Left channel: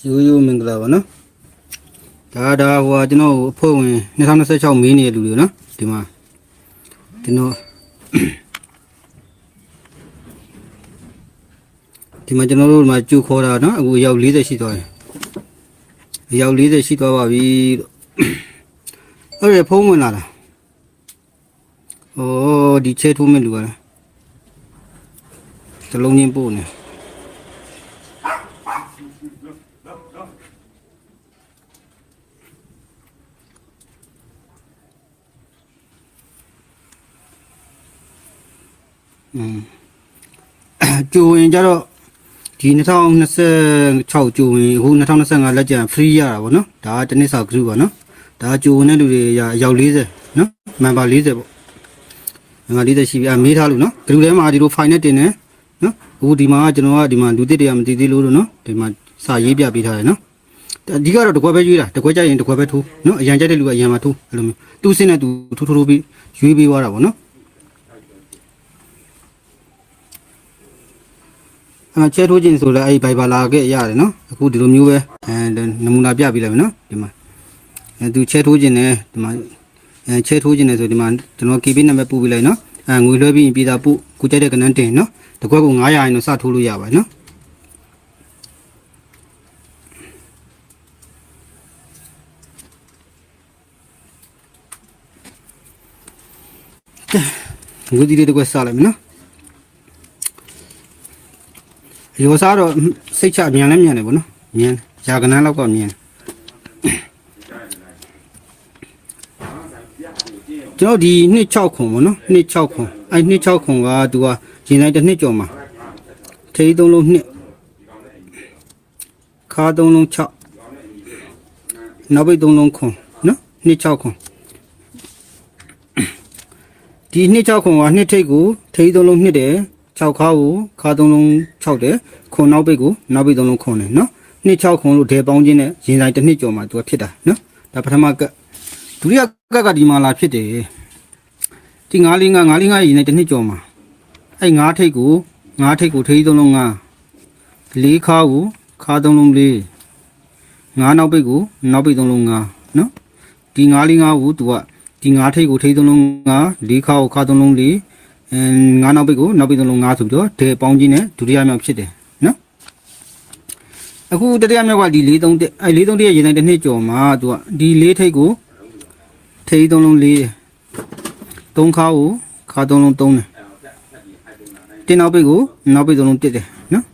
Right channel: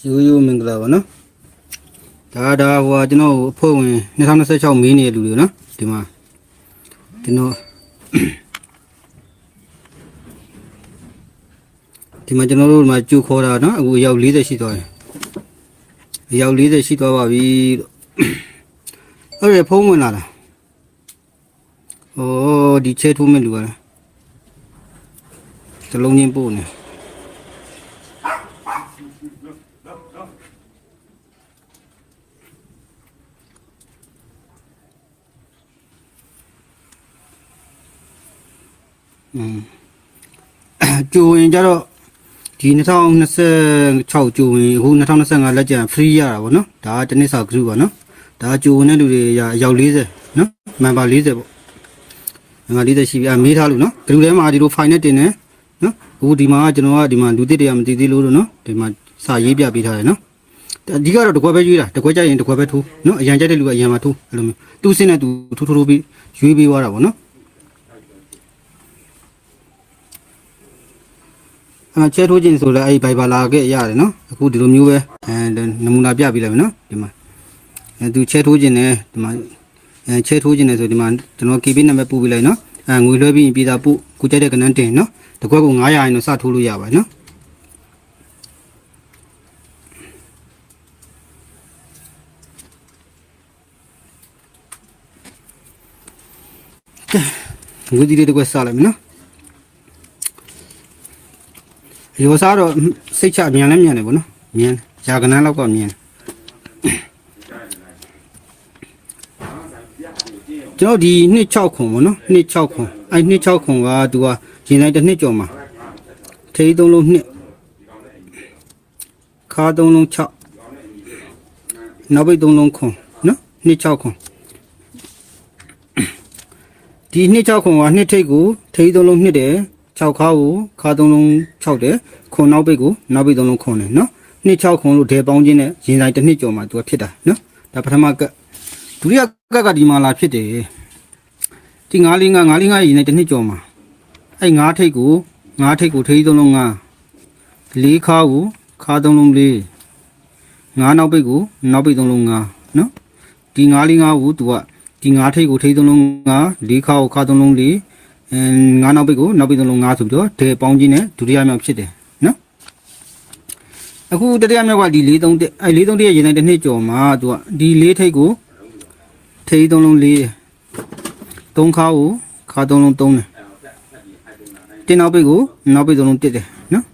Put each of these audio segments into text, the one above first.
ရိုးရိုးမင်္ဂလာပါနော်ဒါဒါဟိုကကျွန်တော်အဖွဲ့ဝင်2026မင်းနေတဲ့လူတွေနော်ဒီမှာကျွန်တော်ဒီမှာကျွန်တော်တို့ဒီမှာကြိုခေါ်တာနော်အခုအယောက်40ရှိသွားတယ်အယောက်40ရှိသွားပါပြီဟုတ်တယ်ဖုံးဝင်လာတာဩဒီချဲထိုးမဲ့လူကလားတလုံးချင်းပို့နေ ကြိုရင်ကြတော့ဒီ2026ကြိုရင်အခု2025လက်ကျန် free ရတာဗောနော်ဒါကတစ်နှစ်စာ group ပါနော်ဒါကြိုဝင်တဲ့လူတွေရအယောက်40နော် member 40ပေါ့ member 40ရှိပြီအမေးထားလို့နော် group ထဲမှာဒီလို file နဲ့တင်တယ်နော်အခုဒီမှာကကျွန်တော်ကဒီမှာလူတစ်တွေကမသိသေးလို့လို့နော်ဒီမှာစာရေးပြပေးထားတယ်နော်အဓိကတော့တကွက်ပဲရွေးတာတကွက်ကြရင်တကွက်ပဲထိုးနော်အရန်ကြတဲ့လူကအရန်မှာထိုးအဲ့လိုမျိုးတူးစင်းတဲ့သူထိုးထိုးထိုးပြီးရွေးပေးသွားတာဗောနော် အဲ့ချဲထိုးခြင်းဆိုလဲအဲ့ဘိုင်ဘာလာခဲ့ရတယ်နော်အခုဒီလိုမျိုးပဲအဲနမူနာပြပေးလိုက်မယ်နော်ဒီမှာအဲသူချဲထိုးခြင်းနဲ့ဒီမှာအဲချဲထိုးခြင်းနဲ့ဆိုဒီမှာကျွန်တော် KB နံပါတ်ပို့ပေးလိုက်နော်အဲငွေလွှဲပြီးပြည်သာပို့ကိုကြိုက်တဲ့ကနန်းတင်နော်တကွက်ကို900ရင်တော့စထိုးလို့ရပါတယ်နော်ငွေဒီလေးတစ်ကွက်စလိုက်မယ်နော် ရောစားတော့စိတ်ချမြန်လဲမြန်တယ်ဗောနော်မြန်ရာကနန်းလောက်ကမြန်ကျွန်တော်ဒီနှစ်6ခွန်ဗောနော်နှစ်6ခွန်အဲ့နှစ်6ခွန်ကသူကရင်လိုက်တစ်နှစ်ကျော်မှာထေးသုံးလုံးနှစ်ခါသုံးလုံး6နောက်ပိတ်သုံးလုံးခွန်နော်နှစ်6ခွန်ဒီနှစ်6ခွန်ကနှစ်ထိတ်ကိုထေးသုံးလုံးနှစ်တယ် 6ခါကိုခါ3လုံး6တယ်ခုံနောက်ပိတ်ကိုနောက်ပိတ်3လုံးခုံတယ်နော်နှစ်6ခုံလို့တဲပေါင်းခြင်းနဲ့ရင်ဆိုင်တစ်နှစ်ကျော်မှသူကဖြစ်တာနော်ဒါပထမကဒုတိယကကဒီမှာလာဖြစ်တယ်ဒီ9 4 9 9 5ရင်ဆိုင်တစ်နှစ်ကျော်မှာအဲ့9ထိပ်ကို9ထိပ်ကိုထိပ်3လုံး9 4ခါကိုခါ3လုံး4 9နောက်ပိတ်ကိုနောက်ပိတ်3လုံး9နော်ဒီ9 4 9ကိုသူကဒီ9ထိပ်ကိုထိပ်3လုံး9 4ခါကိုခါ3လုံး4 ငါးနောက်ပိတ်ကိုနောက်ပိတ်သုံးလုံးငါးဆိုပြီးတော့ဒဲပေါင်းချင်းနဲ့ဒုတိယမြောက်ဖြစ်တယ်နော်အခုတတိယမြောက်ကဒီ၄၃အဲ၄၃ရဲ့ရေတိုင်းတစ်နှစ်ကျော်မှာသူကဒီ၄ထိပ်ကိုထိပ်သုံးလုံး၄တယ်သုံးခါကိုခါသုံးလုံးသုံးတယ်တင်းနောက်ပိတ်ကိုနောက်ပိတ်သုံးလုံးတစ်တယ်နော်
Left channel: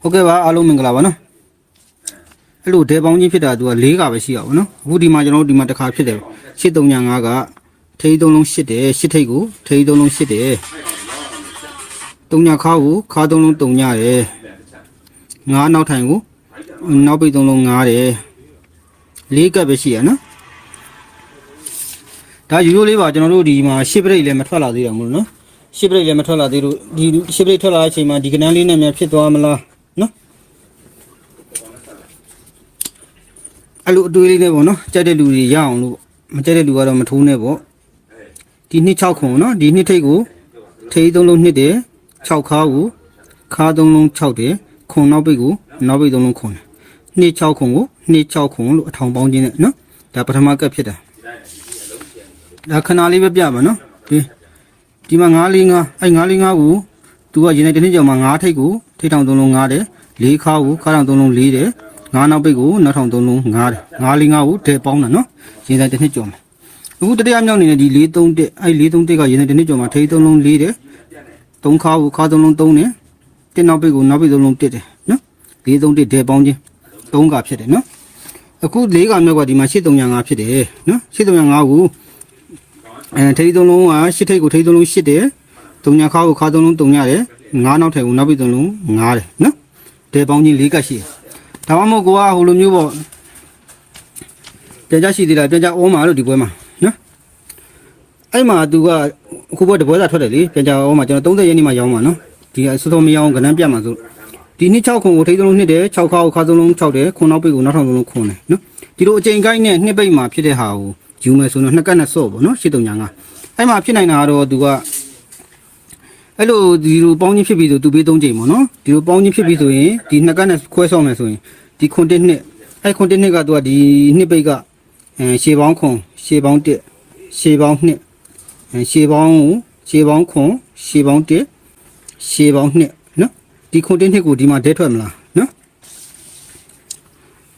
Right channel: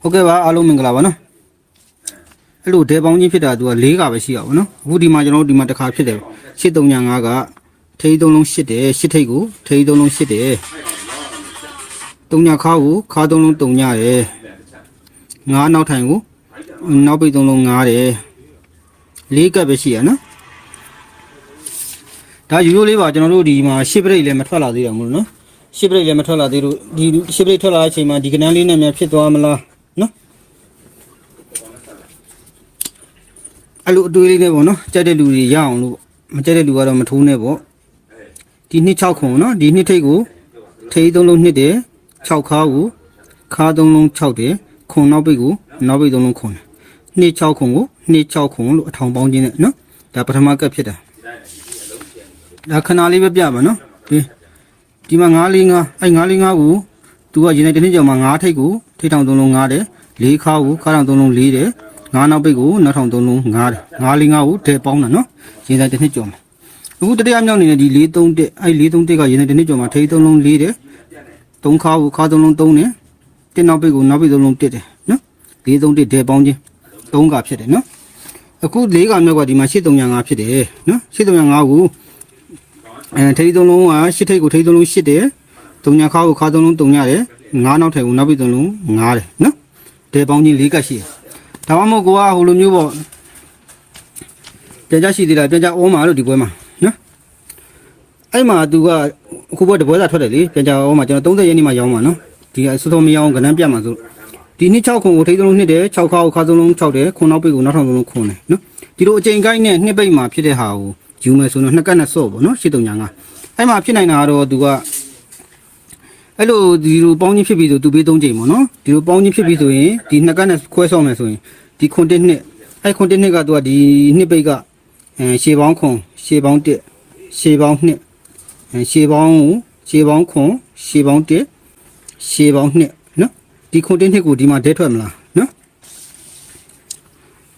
ဟုတ်ကဲ့ပါအားလုံးမင်္ဂလာပါနော်အဲ့လိုဒဲပေါင်းချင်းဖြစ်တာသူက၄ကပဲရှိရပါဘူးနော်အခုဒီမှာကျွန်တော်တို့ဒီမှာတစ်ခါဖြစ်တယ်၈၃၅က ထိန်းသုံးလုံး8တယ်8ထိပ်ကိုထိန်းသုံးလုံး8တယ်တုံနာခါကိုခါသုံးလုံးတုံညတယ်ငါးနောက်ထိုင်ကိုနောက်ပိတ်သုံးလုံး9တယ်လေးကပ်ပဲရှိရနော်ဒါယူရိုးလေးပါကျွန်တော်တို့ဒီမှာရှစ်ပရိတ်လည်းမထွက်လာသေးတယ်မဟုတ်နော်ရှစ်ပရိတ်လည်းမထွက်လာသေးလို့ဒီရှစ်ပရိတ်ထွက်လာတဲ့အချိန်မှာဒီကနန်းလေးနဲ့မှဖြစ်သွားမလားနော်အဲ့လိုတွေးလေးလေးပေါ့နော်ကျတဲ့လူတွေရအောင်မကျတဲ့လူကတော့မထုံးနဲ့ပေါ့ ဒီနှစ်6ခုနော်ဒီနှစ်ထိတ်ကိုထေးသုံးလုံးနှစ်တယ်6ခါကိုခါသုံးလုံး6တယ်ခုံနောက်ပိတ်ကိုနောက်ပိတ်သုံးလုံးခုံနှစ်6ခုကိုနှစ်6ခုလို့အထောင်ပေါင်းခြင်းနဲ့နော်ဒါပထမကပ်ဖြစ်တာဒါခဏလေးပဲပြပါနော်ကဲဒီမှာ9လေး9အဲ့9လေး9ကိုသူကရင်တဲ့တစ်နှစ်ကျော်မှာ9ထိတ်ကိုထိတ်ထောင်သုံးလုံး9တယ်၄ခါကိုခါထောင်သုံးလုံး4တယ်ငါးနောက်ပိတ်ကိုနောက်ထောင်သုံးလုံး9တယ်9လေး9ကိုဒဲပေါင်းတာနော်ရင်တဲ့တစ်နှစ်ကျော်မှာ အခုတတိယမြောက်နေတဲ့ဒီ4 3တက်အဲ့4 3တက်ကရင်တဲ့တစ်နှစ်ကျော်မှာထိတ်သုံးလုံး4တယ်သုံးခါကိုခါသုံးလုံး3တယ်တစ်နောက်ပိတ်ကိုနောက်ပိတ်သုံးလုံး1တယ်နော်4 3တက်ဒဲပေါင်းခြင်း3ကဖြစ်တယ်နော်အခု၄ကမြောက်ကဒီမှာ8355ဖြစ်တယ်နော်8355ကိုအဲထိတ်သုံးလုံးကရှစ်ထိတ်ကိုထိတ်သုံးလုံး8တယ်ဒုညာခါကိုခါသုံးလုံး3ရတယ်ငါးနောက်ထည်ကိုနောက်ပိတ်သုံးလုံး9တယ်နော်တဲပေါင်းခြင်း၄ကရှိတယ်ဒါမှမဟုတ်ကိုကဟိုလိုမျိုးပေါ့တကြရှိသေးတာတကြဦးမှာလို့ဒီပွဲမှာနော် အဲ့မှာသူကအခုဘက်တပွဲစာထွက်တယ်လေပြန်ကြအောင်မှာကျွန်တော်30ရက်နေ့မှာရောင်းမှာနော်ဒီအစိုးဆုံးမရောင်းကဏ္ဍပြတ်မှာဆိုဒီနှစ်6ခုကိုထိသုံးလုံးနှစ်တယ်6ခါကိုခါသုံးလုံး6တယ်ခုနောက်ပိတ်ကိုနောက်ထောင်သုံးလုံးခွန်းတယ်နော်ဒီလိုအချိန်ကိုင်းနဲ့နှစ်ပိတ်မှာဖြစ်တဲ့ဟာကိုယူမယ်ဆိုတော့နှစ်ကတ်နဲ့ဆော့ပေါ့နော်8355အဲ့မှာဖြစ်နိုင်တာကတော့သူကအဲ့လိုဒီလိုပေါင်းချင်းဖြစ်ပြီးဆိုသူပေး၃ချိန်ပေါ့နော်ဒီလိုပေါင်းချင်းဖြစ်ပြီးဆိုရင်ဒီနှစ်ကတ်နဲ့ခွဲဆောက်မယ်ဆိုရင်ဒီခွန်တစ်နှစ်အဲ့ခွန်တစ်နှစ်ကသူကဒီနှစ်ပိတ်ကအဲရှေပေါင်းခွန်ရှေပေါင်းတစ်ရှေပေါင်းနှစ် အဲရှေပေါင်းကိုရှေပေါင်းခွန်ရှေပေါင်းတစ်ရှေပေါင်းနှစ်နော်ဒီခွန်တစ်နှစ်ကိုဒီမှာဒဲထွက်မလားနော်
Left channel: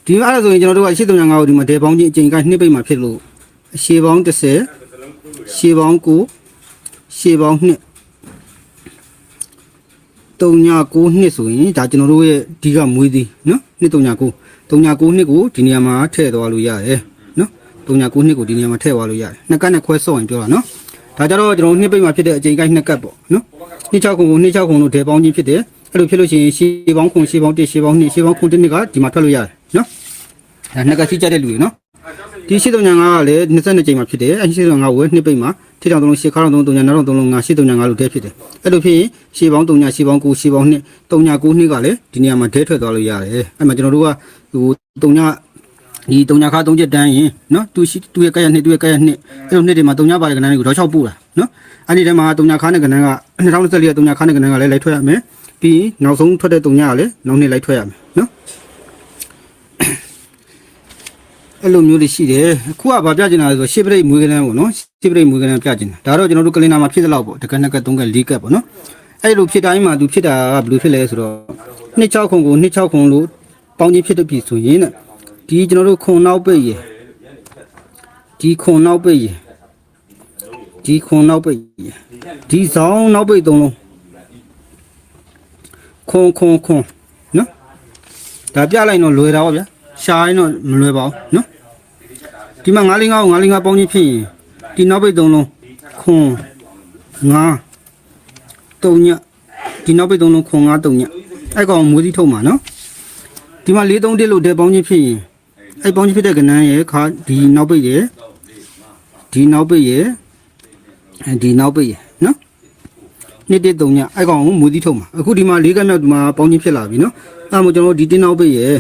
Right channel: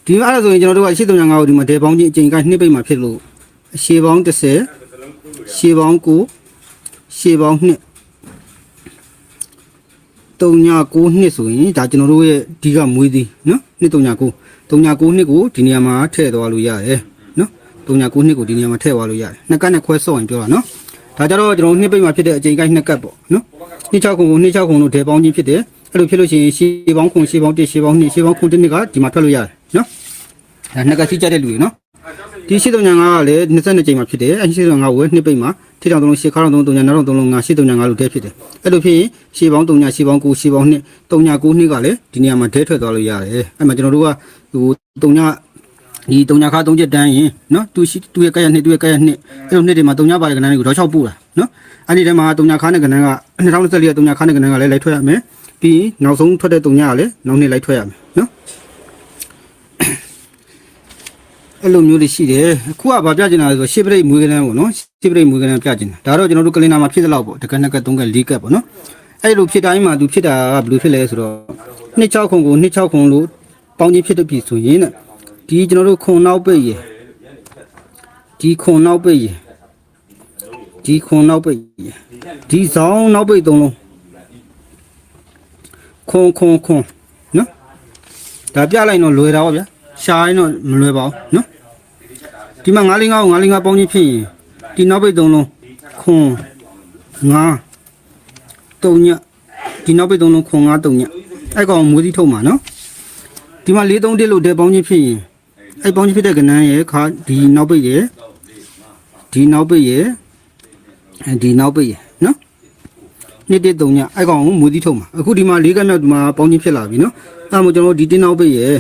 ဒီအဲ့ဒါဆိုရင်ကျွန်တော်တို့ကရှေ့တုံညာငါကိုဒီမှာဒဲပေါင်းချင်းအချိန်ကနှစ်ပိတ်မှာဖြစ်လို့ရှေပေါင်း30ရှေပေါင်း9ရှေပေါင်း2 39နှစ်ဆိုရင်ဒါကျွန်တော်တို့ရဲ့ဒီကမွေးသည်နော်နှစ်39 39နှစ်ကိုဒီနေရာမှာထည့်သွားလို့ရတယ်နော်39နှစ်ကိုဒီနေရာမှာထည့်သွားလို့ရတယ်နှစ်ကတ်နဲ့ခွဲဆော့ရင်ပြောတာနော် ဒါကြတော့ကျွန်တော်နှစ်ပိတ်မှာဖြစ်တဲ့အချိန်ကိုက်နှစ်ကတ်ပေါ့နော်နှစ်6ခုကိုနှစ်6ခုလို့ဒဲပေါင်းကြီးဖြစ်တယ်အဲ့လိုဖြစ်လို့ရှိရင်ရှေးပေါင်းခုရှေးပေါင်း1ရှေးပေါင်း2ရှေးပေါင်းခုတစ်နှစ်ကဒီမှာထွက်လို့ရတယ်နော်အဲနှစ်ကတ်ရှိကြတဲ့လူတွေနော်ဒီရှေ့တုံညာငါကလည်း22ချိန်မှာဖြစ်တယ်အဲဒီရှေ့တုံညာငါဝဲနှစ်ပိတ်မှာထိတောင်သုံးလုံးရှေ့ခါတောင်သုံးတုံညာနောက်တောင်သုံးလုံးငါရှေ့တုံညာငါလို့တဲဖြစ်တယ်အဲ့လိုဖြစ်ရင်ရှေ့ပေါင်းတုံညာရှေ့ပေါင်း9ရှေ့ပေါင်း2တုံညာ9နှစ်ကလည်းဒီနေရာမှာဒဲထွက်သွားလို့ရတယ်အဲ့မှာကျွန်တော်တို့ကဟိုတုံညာ ဒီတုံညာခါသုံးချက်တန်းရင်နော်သူရှိသူရဲ့ကဲရနှစ်သူရဲ့ကဲရနှစ်အဲ့လိုနှစ်တွေမှာတုံညာပါတဲ့ကဏ္ဍတွေကိုတော့6ပို့တာနော်အဲ့ဒီထဲမှာတုံညာခါနဲ့ကဏ္ဍက2024ကတုံညာခါနဲ့ကဏ္ဍကလည်းလိုက်ထွက်ရမယ်ပြီးနောက်ဆုံးထွက်တဲ့တုံညာကလည်းနောက်နှစ်လိုက်ထွက်ရမယ်နော်အဲ့လိုမျိုးတွေရှိတယ်အခုကဗာပြချင်တာလဲဆိုရှစ်ပရိတ်မွေးကနန်းပေါ့နော်ရှစ်ပရိတ်မွေးကနန်းပြချင်တာဒါတော့ကျွန်တော်တို့ကလင်နာမှာဖြစ်တဲ့လောက်ပေါ့တကက်နှစ်ကက်သုံးကက်လေးကက်ပေါ့နော်အဲ့လိုဖြစ်တိုင်းမှာသူဖြစ်တာကဘယ်လိုဖြစ်လဲဆိုတော့နှစ်6ခုကိုနှစ်6ခုလို့ပေါင်းချင်းဖြစ်တဲ့ပြီဆိုရင်တဲ့ ဒီကျွန်တော်တို့ခုံနောက်ပိတ်ရယ်ဒီခုံနောက်ပိတ်ရယ်ဒီခုံနောက်ပိတ်ရယ်ဒီဆောင်နောက်ပိတ်သုံးလုံးခုံခုံခုံနော်ဒါပြလိုက်တော့လွယ်တာပေါ့ဗျာရှားရင်တော့မလွယ်ပါဘူးနော်ဒီမှာ9လေး9ကို9လေး9ပေါင်းချင်းဖြစ်ရင်ဒီနောက်ပိတ်သုံးလုံးခွန်9တုံညဒီနောက်ပိတ်သုံးလုံးခွန်9တုံညအဲ့ကောင်မွေးသီးထုတ်မှာနော်ဒီမှာ4 3တစ်လို့တဲပေါင်းချင်းဖြစ်ရင် အဲ့ပေါင်းချင်းဖြစ်တဲ့ကဏ္ဍရဲ့ခါဒီနောက်ပိတ်ရဲ့ဒီနောက်ပိတ်ရဲ့အဲဒီနောက်ပိတ်ရဲ့နော်နှစ်တစ်တုံညအဲ့ကောင်ကိုမွေးသီးထုတ်မှာအခုဒီမှာ၄ကဏ္ဍဒီမှာပေါင်းချင်းဖြစ်လာပြီနော်အဲ့မို့ကျွန်တော်ဒီတင်းနောက်ပိတ်ရဲ့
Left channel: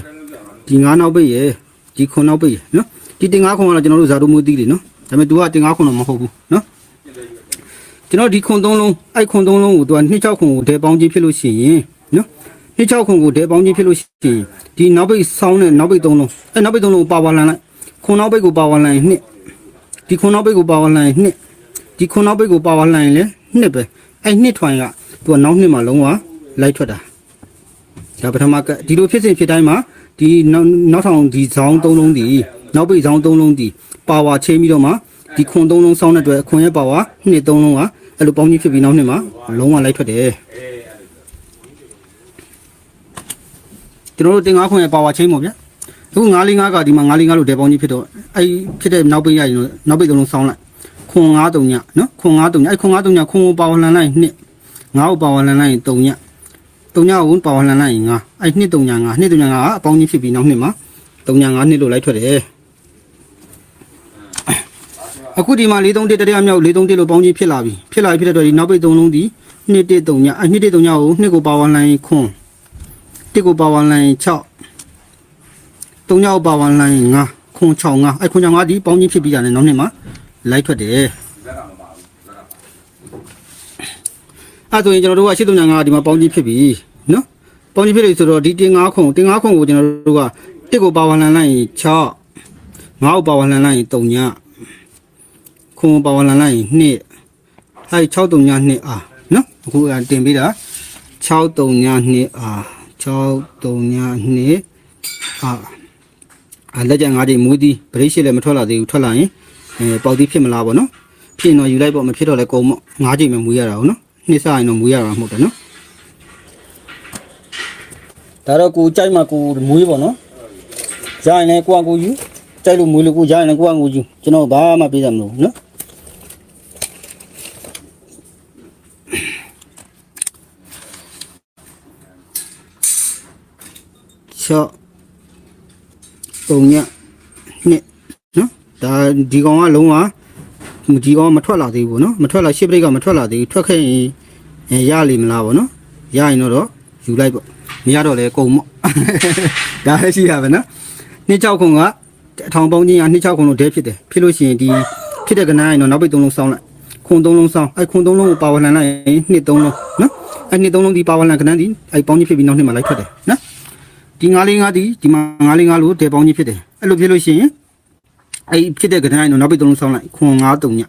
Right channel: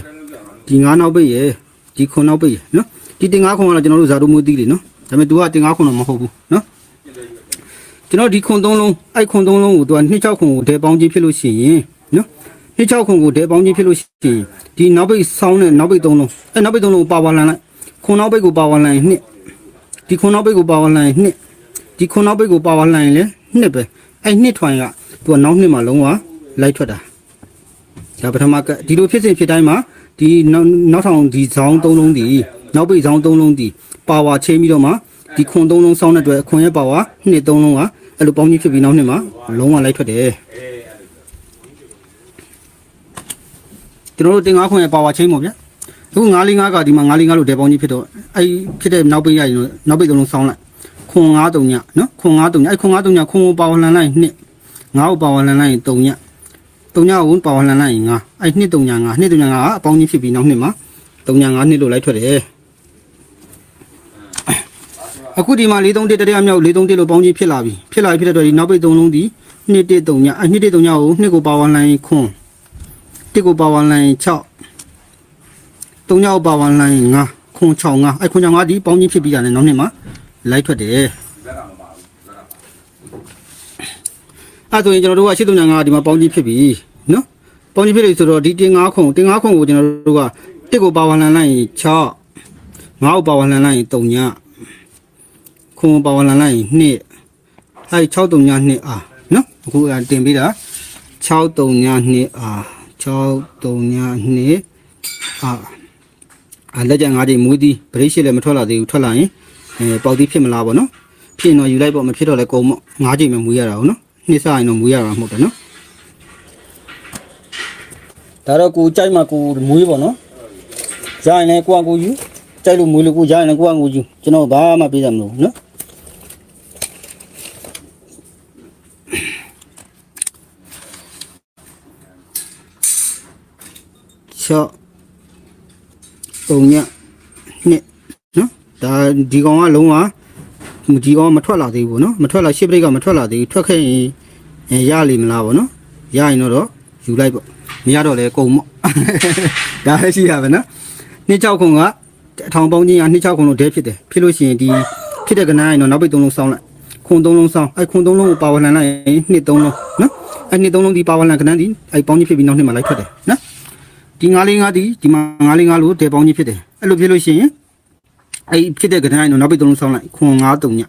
ဒီ9နောက်ပိတ်ရဲ့ဒီခွန်နောက်ပိတ်ရဲ့နော်ဒီတင်ငါးခွန်ကတော့ကျွန်တော်တို့ဇာတုမွေးသီးတွေနော်ဒါပေမဲ့ तू ကတင်ငါးခွန်တော့မဟုတ်ဘူးနော်ကျွန်တော်ဒီခွန်သုံးလုံးအဲ့ခွန်သုံးလုံးကို तू ကနှစ်ချောက်ခွန်ကိုဒဲပေါင်းချင်းဖြစ်လို့ရှိရင်နော် နှစ်ချောက်ခွန်ကိုဒဲပေါင်းချင်းဖြစ်လို့ရှိရင်ဒီနောက်ပိတ်ဆောင်းနဲ့နောက်ပိတ်သုံးလုံးအဲ့နောက်ပိတ်သုံးလုံးကိုပါဝါလန်လိုက်ခွန်နောက်ပိတ်ကိုပါဝါလန်ရင်နှစ်ဒီခွန်နောက်ပိတ်ကိုပါဝါလန်ရင်နှစ်ဒီခွန်နောက်ပိတ်ကိုပါဝါလန်ရင်လည်းနှစ်ပဲအဲ့နှစ်ထွန်က तू ကနောက်နှစ်မှာလုံးဝလိုက်ထွက်တာဒါပထမကဒီလိုဖြစ်စဉ်ဖြစ်တိုင်းမှာဒီနောက်နောက်ထောင်ဒီဇောင်းသုံးလုံးဒီနောက်ပိတ်ဆောင်သုံးလုံးဒီပါဝါချိန်ပြီးတော့မှဒီခွန်သုံးလုံးစောင်းတဲ့အတွက်ခွန်ရဲ့ပါဝါနှစ်သုံးလုံးကအဲ့လိုပေါင်းကြီးဖြစ်ပြီးနောက်နှစ်မှာလုံးဝလိုက်ထွက်တယ် ကျွန်တော်တို့တင်ငါခွန်ရဲ့ပါဝါချိန်ပေါ့ဗျအခု945ကဒီမှာ945လို့တဲပေါင်းကြီးဖြစ်တော့အဲ့ဖြစ်တဲ့နောက်ပိတ်ရရင်နောက်ပိတ်သုံးလုံးစောင်းလိုက်ခွန်9တုံညနော်ခွန်9တုံညအဲ့ခွန်9တုံညခွန်ကိုပါဝါလန်လိုက်နှစ်ငါ့ကိုပါဝါလန်လိုက်တုံညတုံညကိုပါဝါလန်လိုက်ငါအဲ့နှစ်တုံညငါနှစ်တုံညငါကအပေါင်းကြီးဖြစ်ပြီးနောက်နှစ်မှာတုံညငါနှစ်လို့လိုက်ထွက်တယ်အခုဒီမှာ431တရမြောက်431လို့ပေါင်းကြီးဖြစ်လာပြီဖြစ်လာပြီဖြစ်တဲ့အတွက်ဒီနောက်ပိတ်သုံးလုံးဒီ2 1 3ညအ2 1 3ညကို2ကိုပါဝါလိုင်းခွန်း 1ကိုပါဝါလိုင်း6 3ညကိုပါဝါလိုင်း9ခွန်း6 9အဲ့ခွန်း6 9ဒီပေါင်းကြီးဖြစ်ပြီးရတယ်နောက်နှစ်မှာလိုက်ထွက်တယ်အဲ့ဆိုရင်ကျွန်တော်တို့ကရှစ်3ည9ဒီမှာပေါင်းကြီးဖြစ်ပြီနော်ပေါင်းကြီးဖြစ်ပြီဆိုတော့ဒီတင်9ခွန်းတင်9ခွန်းကိုကျွန်တော်တို့က1ကိုပါဝါလိုင်းလိုက်6 9ကိုပါဝါလိုင်းလိုက်3ညခွန်ပါဝလန်လိုက်ရင်နှစ်အဲ63ညနှစ်အာနော်အခုအတင်ပေးတာ63ညနှစ်အာ 63ညနှစ်အာအလက်ကြငါးတွေမွေးသည်ဗရိတ်ရှိလည်းမထွက်လာသေးဘူးထွက်လာရင်အဲပေါက်တီးဖြစ်မလားပေါ့နော်ဖြစ်တော့ယူလိုက်ပေါ့မဖြစ်တော့လည်းကုန်ပေါ့ငါးချိန်မှမွေးရတာဟုတ်နော်နှစ်စရင်တော့မွေးရမှာမဟုတ်တယ်နော်ဒါတော့ကိုကြိုက်မှကိုမွေးပေါ့နော်ကြိုင်လည်းကိုကကိုယူကြိုက်လို့မွေးလို့ကိုကြိုင်လည်းကိုကကိုယူကျွန်တော်ဘာမှပေးတယ်မလို့နော် ရှော့ပုံညနှစ်နော်ဒါဒီကောင်ကလုံးဝဒီကောင်ကမထွက်လာသေးဘူးနော်မထွက်လာရှစ်ပရိတ်ကမထွက်လာသေးဘူးထွက်ခဲ့ရင်အဲရလိမ့်မလားဗောနော်ရရင်တော့ယူလိုက်ပေါ့မရတော့လဲကုန်မော့ဒါလည်းရှိရပါနော်နှစ်ချောက်ခုံကအထောင်ပေါင်းချင်းကနှစ်ချောက်ခုံလို့ဒဲဖြစ်တယ်ဖြစ်လို့ရှိရင်ဒီဖြစ်တဲ့ကနန်းရင်တော့နောက်ပိတ်သုံးလုံးစောင်းလိုက်ခွန်သုံးလုံးဆောင်အဲ့ခွန်သုံးလုံးကိုပါဝလန်လိုက်ရင်နှစ်သုံးလုံးနော်အဲ့နှစ်သုံးလုံးဒီပါဝလန်ကနန်းဒီအဲ့ပေါင်းကြီးဖြစ်ပြီးနောက်နှစ်မှာလိုက်ထွက်တယ်နော် ဒီ9လေး9ဒီဒီမှာ9လေး9လို့တဲပေါင်းကြီးဖြစ်တယ်အဲ့လိုဖြစ်လို့ရှိရင်အဲ့ဖြစ်တဲ့ကနန်းတော့နောက်ပိတ်သုံးလုံးဆောင်လိုက်ခွန်9 3ည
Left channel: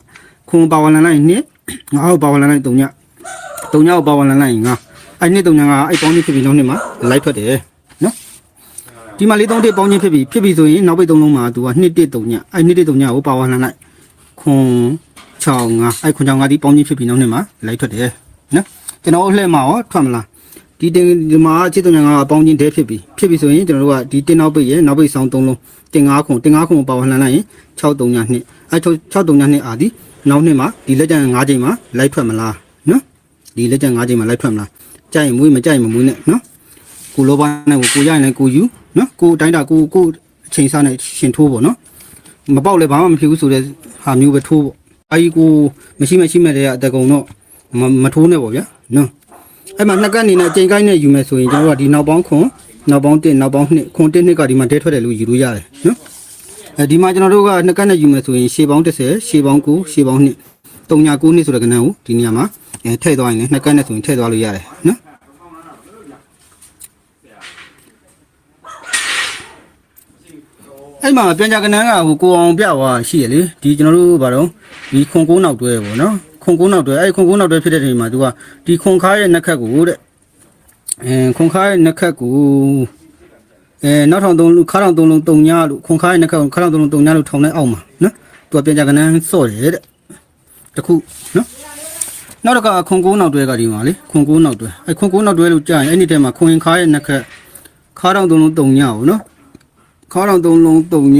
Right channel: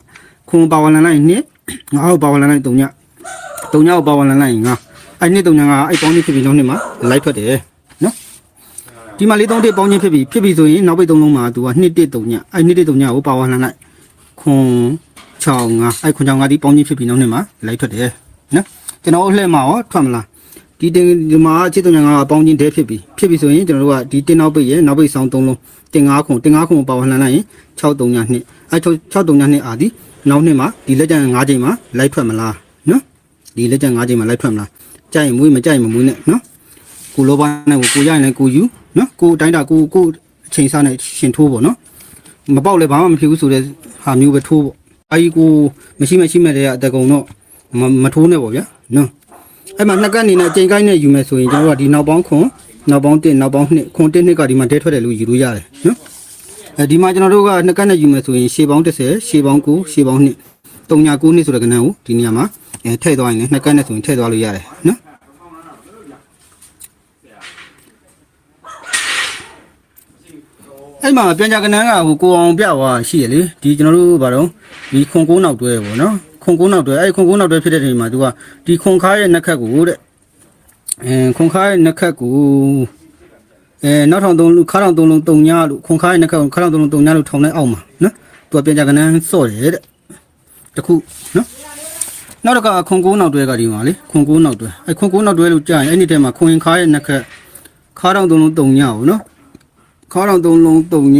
ခွန်ပါဝလန်လိုက်နှစ်9ကိုပါဝလန်လိုက်3ည3ညကိုပါဝလန်လိုက်ရင်9အဲ့နှစ်3ညကအဲ့ပေါင်းကြီးဖြစ်ပြီးနောက်နှစ်မှာလိုက်ထွက်တယ်နော်ဒီမှာလေးသုံးတစ်ပေါင်းချင်းဖြစ်ပြီဖြစ်ပြီဆိုရင်နောက်ပိတ်သုံးလုံးမှာသူကနှစ်တစ်သုံးညအဲ့နှစ်တစ်သုံးညကိုပါဝါလှန်လိုက်ခွန်6 5အဲ့ခွန်6 5ဒီပေါင်းချင်းဖြစ်ပြီနောက်နေ့မှာလိုက်ထွက်တယ်နော်ကျွန်တော်တို့လှည့်မှာရောထွက်မလား ဒီတင်ဒီမှာချစ်သုံးညကပေါင်းချင်းတဲဖြစ်ပြီဖြစ်ပြီဆိုရင်ကျွန်တော်တို့ကဒီတင်နောက်ပိတ်ရဲ့နောက်ပိတ်ဆောင်သုံးလုံးတင်5ခွန်တင်5ခွန်ကိုပါဝါလှန်လိုက်ရင်6 3ညနှစ်အဲ့6 3ညနှစ်အာဒီနောက်နှစ်မှာဒီလက်ကျန်5ချိန်မှာလိုက်ထွက်မလားနော်ဒီလက်ကျန်5ချိန်မှာလိုက်ထွက်မလားကြိုက်ရင်မွေးမကြိုက်ရင်မမွေးနဲ့နော်ကိုလောဘနဲ့ကိုကိုရရင်လည်းကိုယူနော်ကိုအတိုင်းတာကိုကိုအချိန်စားနဲ့ရှင်ထိုးပေါ့နော်မပေါက်လည်းဘာမှမဖြစ်ဘူးဆိုတဲ့ဟာမျိုးပဲထိုးပေါ့အဲဒီကိုမရှိမရှိမဲ့တဲ့အတကုံတော့မမထိုးနဲ့ပေါ့ဗျာနော် အဲ့မှာနှစ်ကပ်အနေနဲ့အချိန်ကိုင်းနဲ့ယူမယ်ဆိုရင်ကျွန်တော်တို့ကဒီနောက်ပေါင်းခွန်နောက်ပေါင်း1နောက်ပေါင်း2ခွန်1နှစ်ကဒီမှာတဲထွက်တယ်လို့ယူလို့ရတယ်နော်အဲဒီမှာကျွန်တော်တို့ကနှစ်ကပ်နဲ့ယူမယ်ဆိုရင်ရှေးပေါင်း30ရှေးပေါင်း9ရှေးပေါင်း2 3ညာ9နှစ်ဆိုတဲ့ကဏ္ဍကိုဒီနေရာမှာအဲထည့်သွားရင်လည်းနှစ်ကပ်နဲ့ဆိုရင်ထည့်သွားလို့ရတယ်နော်အဲ့မှာပြန်ကြကနန်းကဟိုကိုအောင်ပြသွားရှိရလေဒီကျွန်တော်တို့ဘာတော့ဒီခွန်ကုန်းနောက်တွဲပေါ့နော် ခွန်ကုန်းနောက်တွဲအဲ့ခွန်ကုန်းနောက်တွဲဖြစ်တဲ့ချိန်မှာသူကဒီခွန်ခါရဲ့နှက်ခတ်ကိုတဲ့အဲခွန်ခါရဲ့နှက်ခတ်ကိုအဲနောက်ထောင်သုံးလူခါထောင်သုံးလုံးတုံညာလို့ခွန်ခါရဲ့နှက်ခတ်ကိုခါထောင်သုံးလုံးတုံညာလို့ထောင်လိုက်အောင်မှာနော်သူကပြန်ကြကနန်းစော့တယ်တဲ့တခုနော်နောက်တစ်ခါခွန်ကုန်းနောက်တွဲကဒီမှာလေခွန်ကုန်းနောက်တွဲအဲ့ခွန်ကုန်းနောက်တွဲလို့ကြားရင်အဲ့ဒီတော့မှာခွန်ခါရဲ့နှက်ခတ်ခါထောင်သုံးလုံးတုံညာကိုနော်ခေါင်းတော်သုံးလုံးတုံည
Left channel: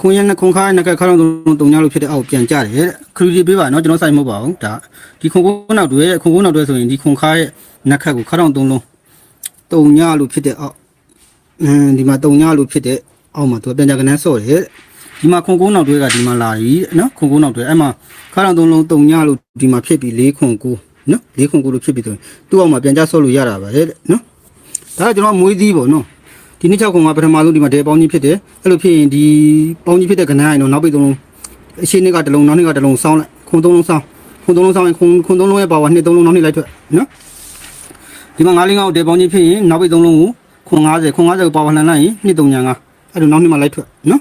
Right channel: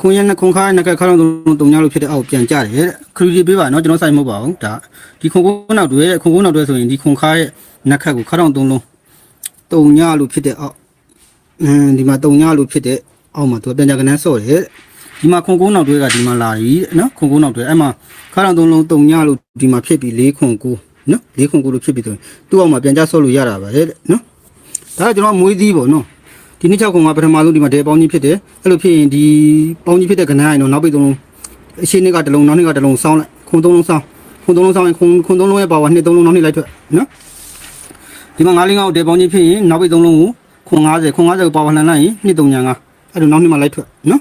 ခွန်ရနဲ့ခွန်ခါရနဲ့ခေါင်းတော်သုံးလုံးတုံညလို့ဖြစ်တဲ့အောက်ပြန်ကြတယ်တဲ့ခရီးလေးပေးပါနော်ကျွန်တော်စိုက်မဟုတ်ပါဘူးဒါဒီခွန်ကုန်းနောက်တွေခွန်ကုန်းနောက်တွေဆိုရင်ဒီခွန်ခါရဲ့နက်ခတ်ကိုခေါင်းတော်သုံးလုံးတုံညလို့ဖြစ်တဲ့အောက်အင်းဒီမှာတုံညလို့ဖြစ်တဲ့အောက်မှာသူပြန်ကြကနန်းဆော့တယ်ဒီမှာခွန်ကုန်းနောက်တွေကဒီမှာလာပြီနော်ခွန်ကုန်းနောက်တွေအဲ့မှာခေါင်းတော်သုံးလုံးတုံညလို့ဒီမှာဖြစ်ပြီး၄ခွန်ကိုနော်၄ခွန်ကိုလို့ဖြစ်ပြီးဆိုရင်သူ့အောက်မှာပြန်ကြဆော့လို့ရတာပါတဲ့နော်ဒါကကျွန်တော်မွေးသီးပေါ့နော် ဒီနှစ်6ခုကပထမဆုံးဒီမှာတဲပေါင်းကြီးဖြစ်တယ်အဲ့လိုဖြစ်ရင်ဒီပေါင်းကြီးဖြစ်တဲ့ကဏ္ဍရင်တော့နောက်ပိတ်သုံးလုံးအရှိနှစ်ကတစ်လုံးနောက်နှစ်ကတစ်လုံးစောင်းလိုက်ခုံသုံးလုံးစောင်းခုံသုံးလုံးစောင်းရင်ခုံခုံသုံးလုံးရဲ့ပါဝါနှစ်သုံးလုံးနောက်နှစ်လိုက်ထွက်နော်ဒီမှာ9လင်းကောက်တဲပေါင်းကြီးဖြစ်ရင်နောက်ပိတ်သုံးလုံးကိုခုံ90ခုံ90ကိုပါဝါလှန်လိုက်ရင်နှစ်3ညာ9အဲ့လိုနောက်နှစ်မှာလိုက်ထွက်နော်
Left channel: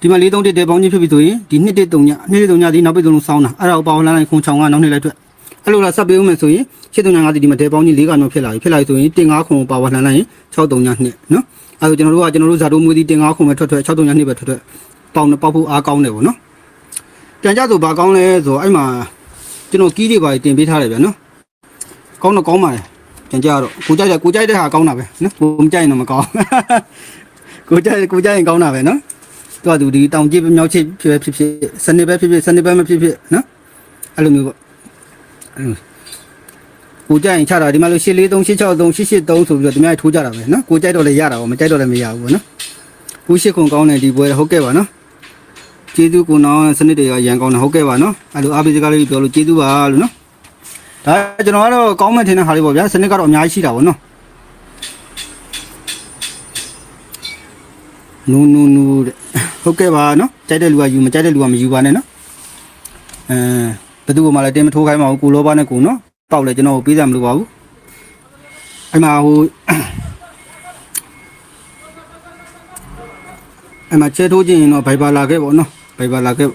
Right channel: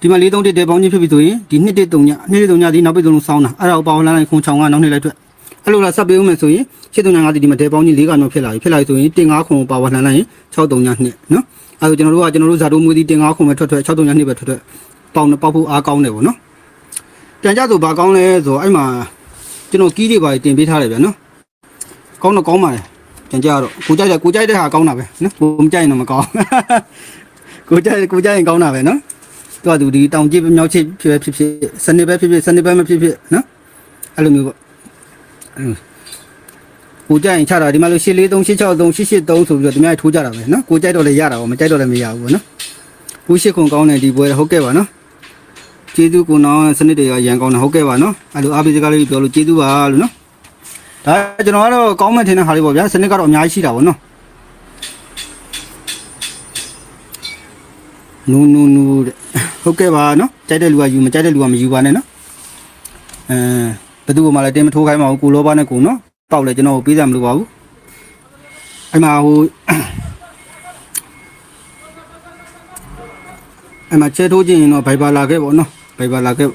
ဒီမှာ4 3တဲပေါင်းကြီးဖြစ်ပြီဆိုရင်ဒီနှစ်1 3ညာနှစ်1 3ညာဒီနောက်ပိတ်သုံးလုံးစောင်းတာအဲ့ဒါကိုပါဝါလှန်လိုက်ခုံ6 9နောက်နှစ်လိုက်ထွက် အဲ့လိုလားဆက်ပေးဦးမယ်ဆိုရင်7 3ညာ9ဒီမှာတဲပေါင်းကြီး4ကနောက်ဖြစ်လာပြီဖြစ်လာပြီဆိုရင်တင်9ခုံကိုပါဝါလှန်လိုက်ရင်6 3ညာ2နော်အဲဒါကျွန်တော်တို့ကကျွန်တော်တို့ဇာတိုးမွေးသီးတင်9ခုပဲထွက်ထွက်6 3ညနှစ်ပဲထွက်ထွက်ပေါင်ပေါက်ဖို့အားကောင်းတယ်ဗောနော်ပြန်ကြဆိုဘာကောင်းလဲဆိုအဲ့မှာကျွန်တော်ကီးတွေပါတင်ပေးထားတယ်ဗျာနော်ကောင်းတော့ကောင်းပါလေပြန်ကြတော့ကိုကြိုက်တယ်ကိုကြိုက်တဲ့ဟာကောင်းတာပဲနော်ကိုမကြိုက်ရင်တော့မကောင်းကိုကြိုက်ကိုကြိုက်ရင်ကောင်းတာပဲနော်တော့သူဒီတောင်ကြည့်မြောက်ချစ်ဖြစ်ဖြစ်ဖြစ်စနေပဲဖြစ်ဖြစ်စနေပဲမဖြစ်ဖြစ်နော်အဲ့လိုမျိုးပေါ့ ကိုကြိုက်ရင်ချတာဒီမှာလို့843 863 883ဆိုပြီးတော့ဒီများထိုးကြတာပဲနော်ကိုကြိုက်တော့လည်းရတာပေါ့မကြိုက်တော့လည်းမရဘူးပေါ့နော်ကိုရှိခွန်ကောင်းတယ်ဒီပွဲဟုတ်ကဲ့ပါနော်ကျေးဇူးကိုနောင်စနစ်တွေကရန်ကောင်းတယ်ဟုတ်ကဲ့ပါနော်အဲ့လိုအားပေးစကားလေးပြောလို့ကျေးဇူးပါလို့နော်ဒါကျွန်တော်ကတော့ကောင်းမဲ့ထင်တဲ့ဟာလေးပေါ့ဗျာစနစ်ကတော့အများကြီးရှိတာပေါ့နော်နူနူနူတဲ့ဟုတ်ကဲ့ပါနော်ကြိုက်တဲ့လူကယူမကြိုက်တဲ့လူကမယူပါနဲ့နော်အဲ ဘယ်သူမှလည်းတင်မထိုးခိုင်းပါဘူးကိုလောဘနဲ့ကိုနော်ပေါက်လဲကျွန်တော်ကိုပေးစရာမလိုပါဘူးအဲ့မှာဟိုအဲ့မှာချဲထိုးခြင်းရင်တော့ဘိုက်ပါလာခဲ့ပေါ့နော်ဘိုက်ပါလာခဲ့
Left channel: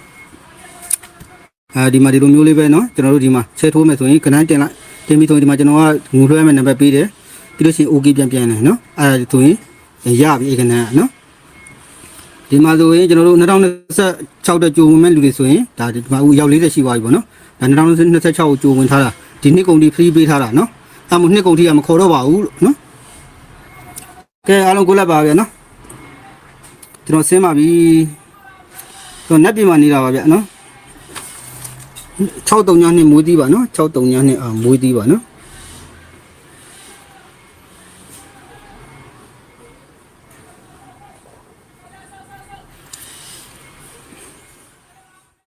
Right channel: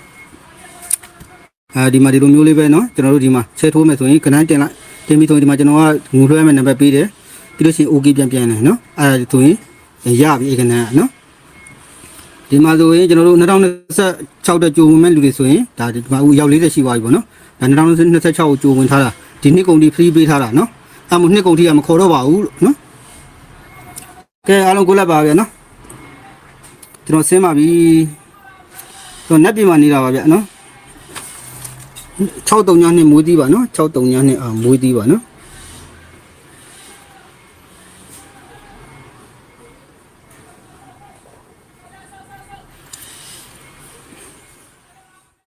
အဲဒီမှာဒီလိုမျိုးလေးပဲနော်ကျွန်တော်တို့ဒီမှာချဲထိုးမယ်ဆိုရင်ကနန်းတင်လိုက်တင်ပြီးဆိုရင်ဒီမှာကျွန်တော်ကငူလွှဲမယ်နံပါတ်ပေးတယ်ပြီးလို့ရှိရင် OK ပြန်ပြန်တယ်နော်အဲ့ဒါဆိုရင်ရပြီအဲ့ကနန်းကနော်ဒီမှာဆိုရင်ကျွန်တော်တို့2026တဲ့ကြိုဝင်မဲ့လူတွေဆိုရင်ဒါဒီမှာအခုရောက်40ရှိသွားပြီပေါ့နော်ဒါ 2026ကိုကြိုဝင်ထားတာဒီနှစ်ကုန်ဒီ free ပေးထားတာနော်အဲ့မို့နှစ်ကုန်ထိကမခေါ်တော့ပါဘူးလို့နော်ကဲအားလုံးကိုလက်ပါဗျာနော်ကျွန်တော်ဆင်းပါပြီကျွန်တော်နက်ပြင်မှာနေတာပါဗျာနော်63ညနှစ်မွေးသီးပါနော်63ညနှစ်အာမွေးသီးပါနော်